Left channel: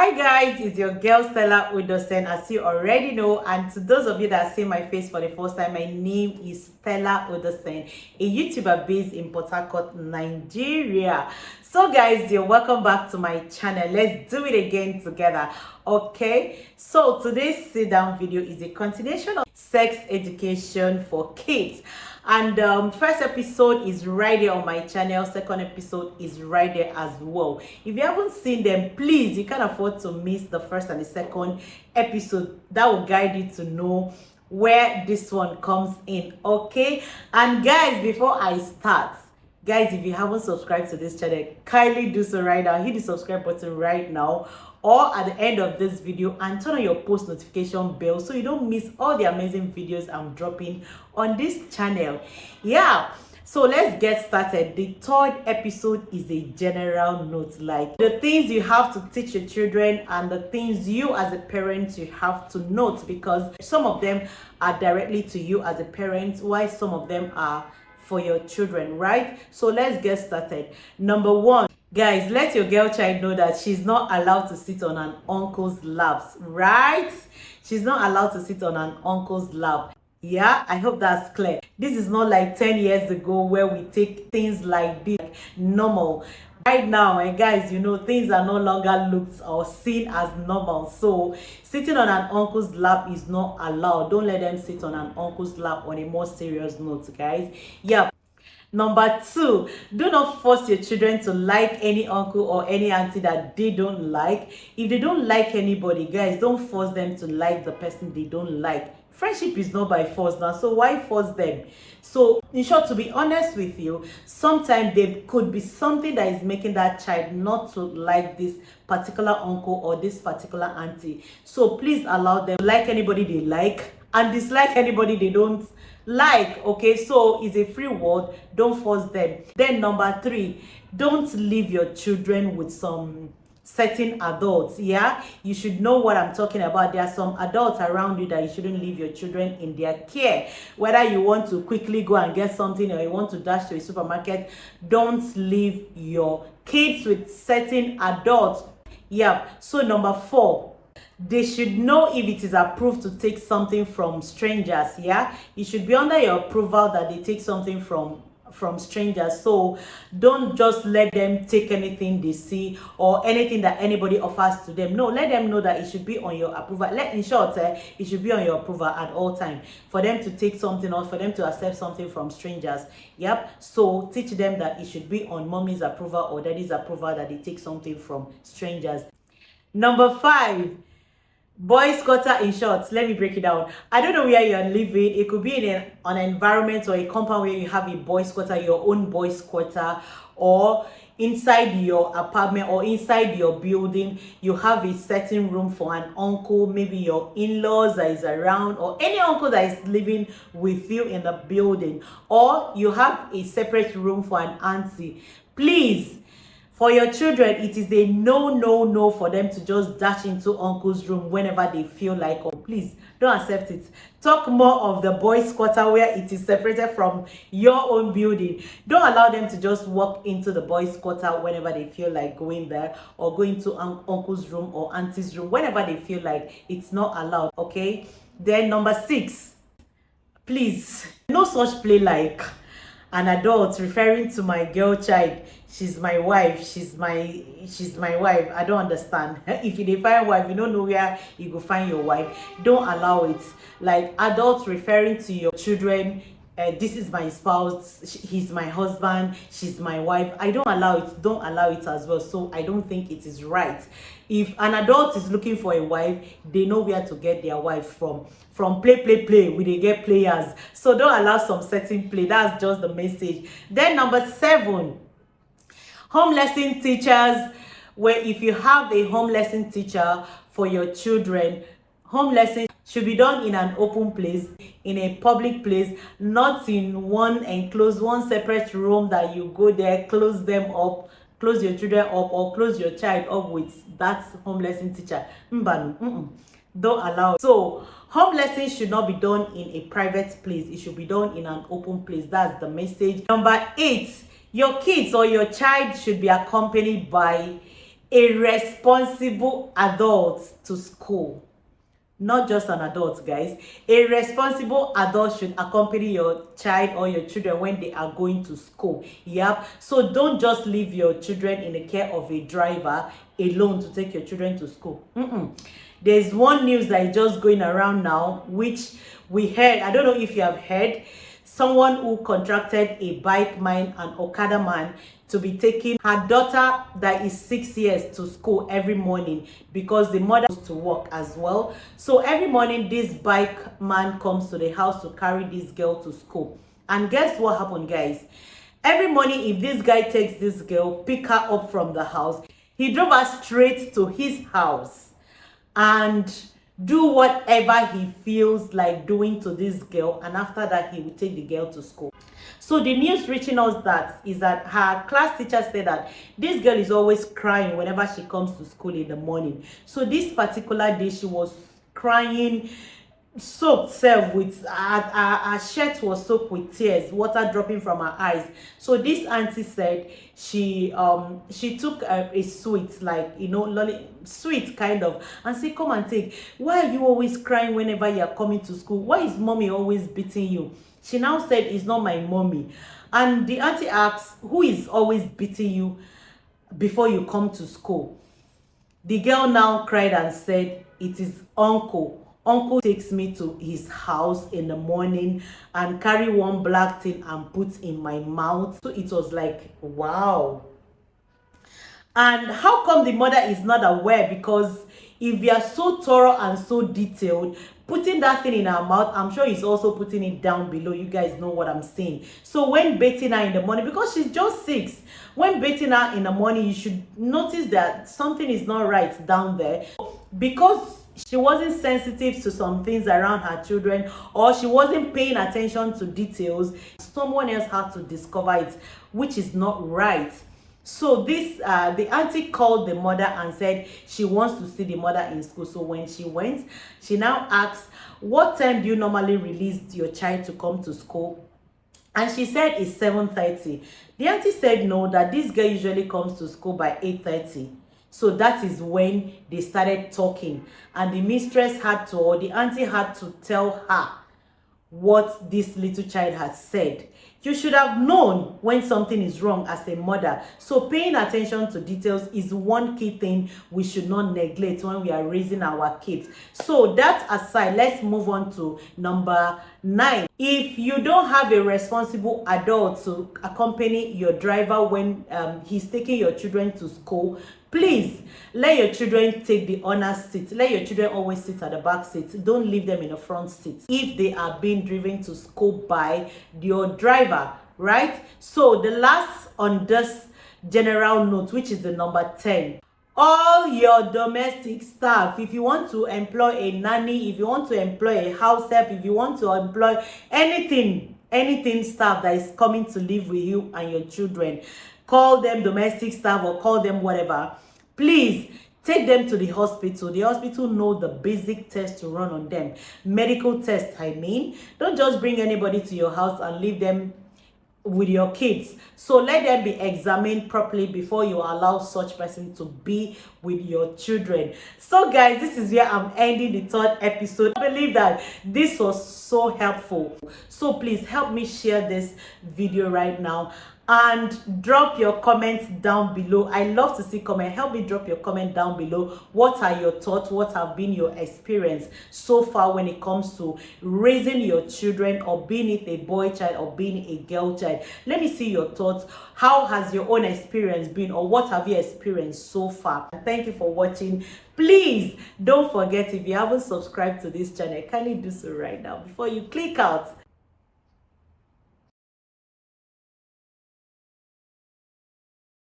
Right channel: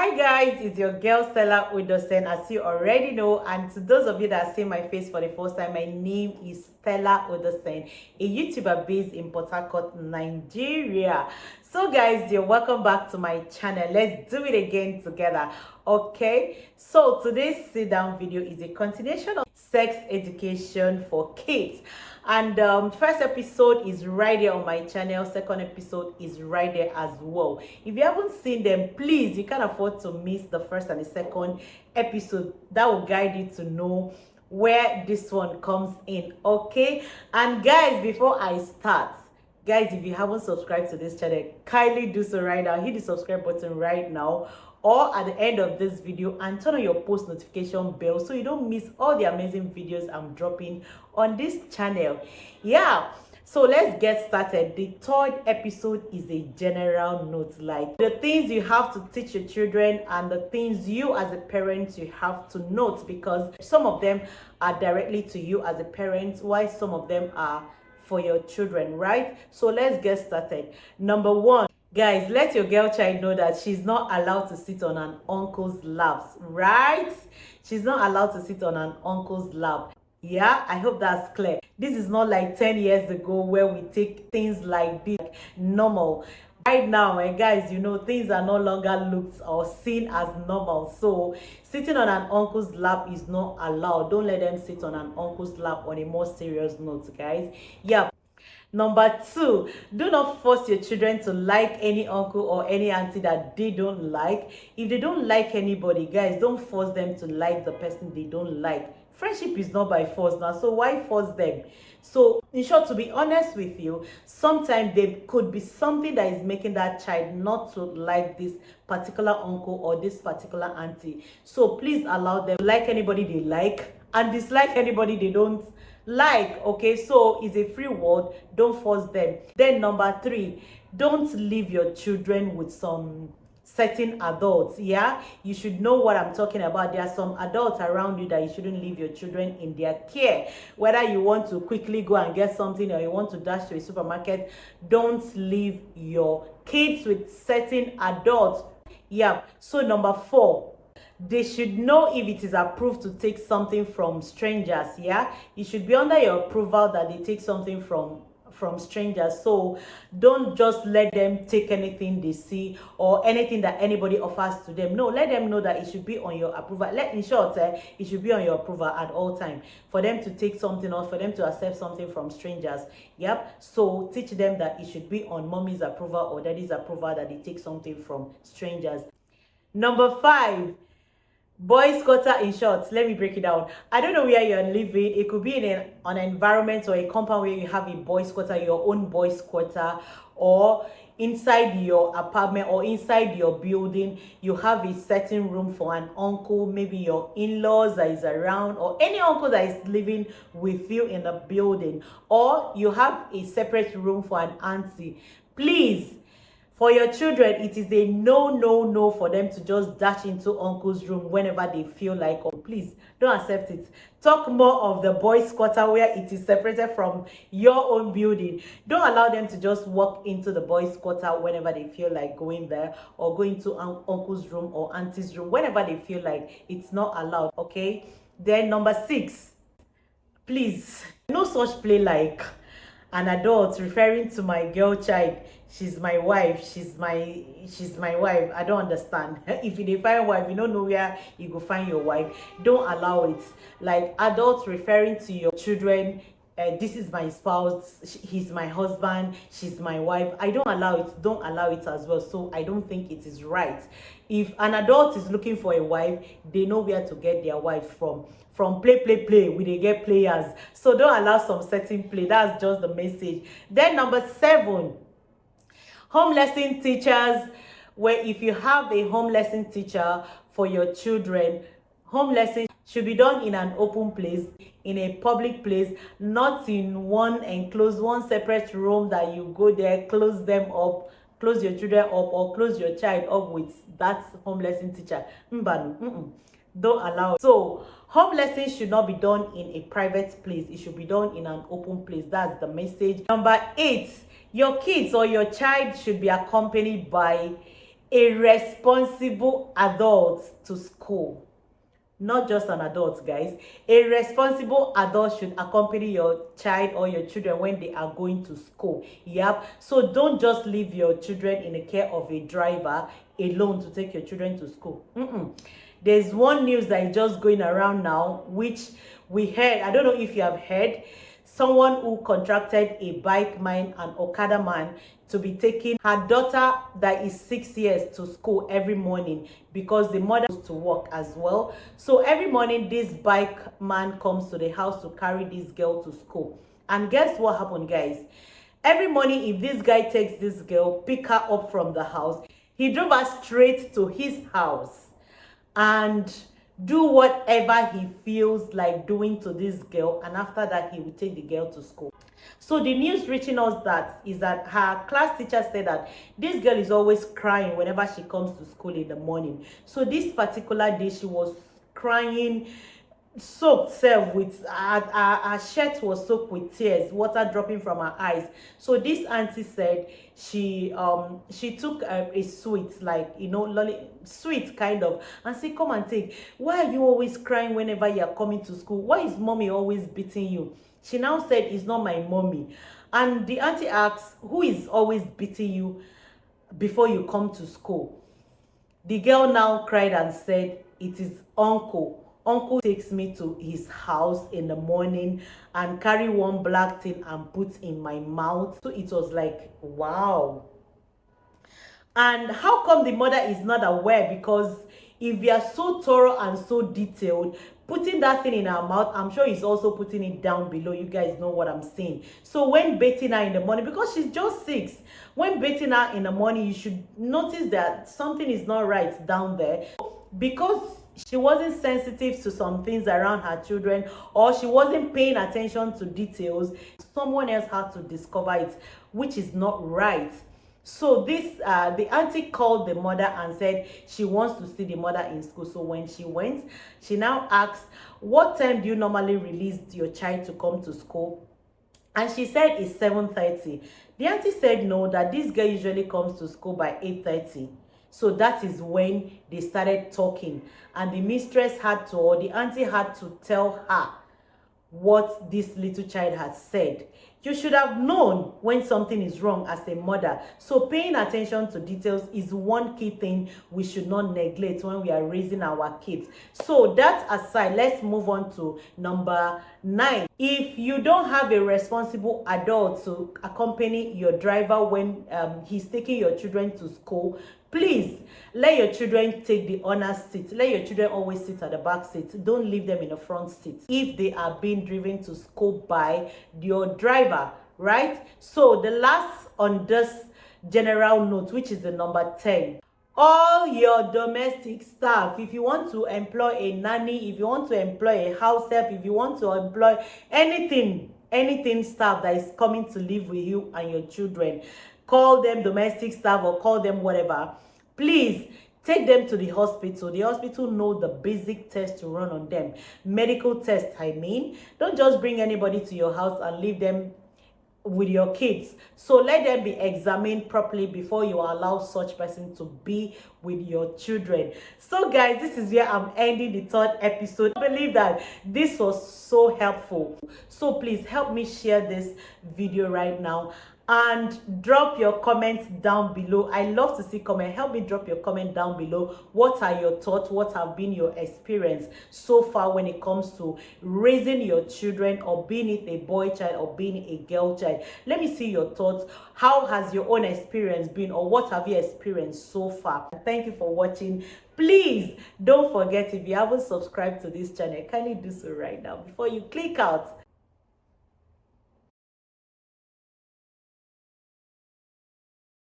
Hi guys, it's your girl Stella Udosen, as you already know, and to those of you that see my face for the first time, my name is Stella Udosen, a YouTuber based in Port Harcourt, Nigeria. So guys, you're welcome back to my channel. Let's do it again together. Okay, so today's sit down video is a continuation of sex education for kids. And first episode is right there on my channel. Second episode is right there as well. If you haven't seen them, please, you can't afford to miss the first and the second episode. That will guide you to know where this one comes in. Okay, and guys, before I start, guys, if you haven't subscribed to this channel, kindly do so right now. Hit the subscribe button right now or at the end of this video, and turn on your post notification bell so you don't miss all the amazing videos I'm dropping on this channel. Yeah, so let's get started. The third episode is a general note, like the things you have to teach your children and the things you as a parent you have to note, because some of them are directly to you as a parent while some of them are for your children, right? So let's get started. Number one, guys, let your girl child know that she's not allowed to sit on an uncle's laps, right? She's not allowed to sit on an uncle's lap. Yeah, I hope that's clear. This is not like 10 years ago where we take things like this like normal. Right now, guys, you know, things are no longer looked or seen as normal. So sitting on an uncle's lap is not allowed. Don't let them sit on an uncle's lap. On a more serious note, guys. Yeah. Number two, do not force your children to like any uncle or any auntie that they don't like. If they don't like anybody, guys, don't force them to like the person they don't like. Friendship is not by force now, so why force them? So in short, to be honest with you, sometimes there could be something that is making that child not to like this particular uncle or this particular auntie. So please allow them to like anybody they like and dislike anybody they don't like. Okay, so it's a free world. Don't force them. Then number three, don't leave your children with some certain adults. Yeah, you should know what I'm talking about. There are some adults around you that you shouldn't leave your children in their care. Whether you want to quickly go and get something or you want to dash to a supermarket, don't leave your kids with certain adults. Yeah, so number four, they should know if it is approved to take something from strangers. Yeah, it should be under your approval that they take something from strangers. So don't just let them take anything they see or anything that anybody offers to them. No, let them know that it should be on your approval. In short, it should be on your approval at all time for them to take something or for them to accept something from strangers. Yep, so teach them that it should be on mommy's approval or daddy's approval that they take something from strangers. Number five, boys quarter. In short, let me break it down. I don't know where you're living. It could be in an environment or a compound where you have a boys quarter, your own boys quarter, or inside your apartment or inside your building you have a certain room for an uncle, maybe your in-laws that is around, or any uncle that is living with you in the building, or you have a separate room for an auntie. Please, for your children, it is a no for them to just dash into uncle's room whenever they feel like. Oh, please don't accept it. Talk more of the boys' quarter where it is separated from your own building. Don't allow them to just walk into the boys' quarter whenever they feel like going there, or going to uncle's room or auntie's room whenever they feel like. It's not allowed. Okay. Then number six, please, no such play like an adult referring to my girl child. She's my wife, she's my wife. I don't understand. If you define wife, you don't know where you go find your wife. Don't allow it. Like adults referring to your children, this is my spouse, he's my husband, she's my wife. I don't allow it. Don't allow it as well. So I don't think it is right. If an adult is looking for a wife, they know where to get their wife from play we dey get players. So don't allow some certain play. That's just the message. Then number seven, home lesson teachers. Where if you have a home lesson teacher for your children, home lesson should be done in an open place, in a public place, not in one enclosed, one separate room that you go there, close them up, close your children up, or close your child up with that home lesson teacher. Don't allow it. So home lessons should not be done in a private place. It should be done in an open place. That's the message. Number eight, your kids or your child should be accompanied by a responsible adult to school. Not just an adult, guys. A responsible adult should accompany your child or your children when they are going to school. Yep. So don't just leave your children in the care of a driver alone to take your children to school. There's one news that is just going around now, which we heard. I don't know if you have heard. Someone who contracted a bike man and Okada man to be taking her daughter that is 6 years to school every morning because the mother goes to work as well. So every morning this bike man comes to the house to carry this girl to school. And guess what happened, guys? Every morning, if this guy takes this girl, pick her up from the house, he drove her straight to his house and do whatever he feels like doing to this girl, and after that he will take the girl to school. So the news reaching us that is that her class teacher said that this girl is always crying whenever she comes to school in the morning. So this particular day she was crying, soaked self with her shirt was soaked with tears, water dropping from her eyes. So this auntie said she took a sweet, like, you know, sweet kind of, and said, come and take. Why are you always crying whenever you are coming to school? Why is mommy always beating you? She now said, it's not my mommy. And the auntie asks, who is always beating you before you come to school? The girl now cried and said, it is uncle. Uncle takes me to his house in the morning and carry one black thing and put in my mouth. So it was like, wow. And how come the mother is not aware? Because if you are so thorough and so detailed, putting that thing in her mouth, I'm sure he's also putting it down below. You guys know what I'm saying. So when bathing her in the morning, because she's just 6, when bathing her in the morning, you should notice that something is not right down there. Because she wasn't sensitive to some things around her children, or she wasn't paying attention to details, someone else had to discover it, which is not right. So this the auntie called the mother and said she wants to see the mother in school. So when she went, she now asked, what time do you normally release your child to come to school? And she said it's 7:30. The auntie said no, that this girl usually comes to school by 8:30. So that is when they started talking, and the mistress had to, or the auntie had to tell her what this little child had said. You should have known when something is wrong as a mother. So paying attention to details is one key thing we should not neglect when we are raising our kids. So that aside, let's move on to number 9. If you don't have a responsible adult to accompany your driver when he's taking your children to school, please let your children take the honor seat. Let your children always sit at the back seat. Don't leave them in the front seat if they are being driven to school by your driver, right? So the last on this general note, which is the number 10, all your domestic staff, if you want to employ a nanny, if you want to employ a house help, if you want to employ anything staff that is coming to live with you and your children, call them domestic staff or call them whatever, please take them to the hospital. The hospital know the basic tests to run on them. Medical tests, I mean. Don't just bring anybody to your house and leave them with your kids. So let them be examined properly before you allow such person to be with your children. So guys, this is where I'm ending the 3rd episode. I believe that this was so helpful. So please help me share this video right now and drop your comments down below. I love to see comment. Help me drop your comment down below. What are your thoughts? What have been your experience so far when it comes to raising your children, or being it a boy child or being a girl child? Let me see your thoughts. How has your own experience been, or what have you experienced so far? Thank you for watching. Please don't forget, if you haven't subscribed to this channel, kindly do so right now before you click out.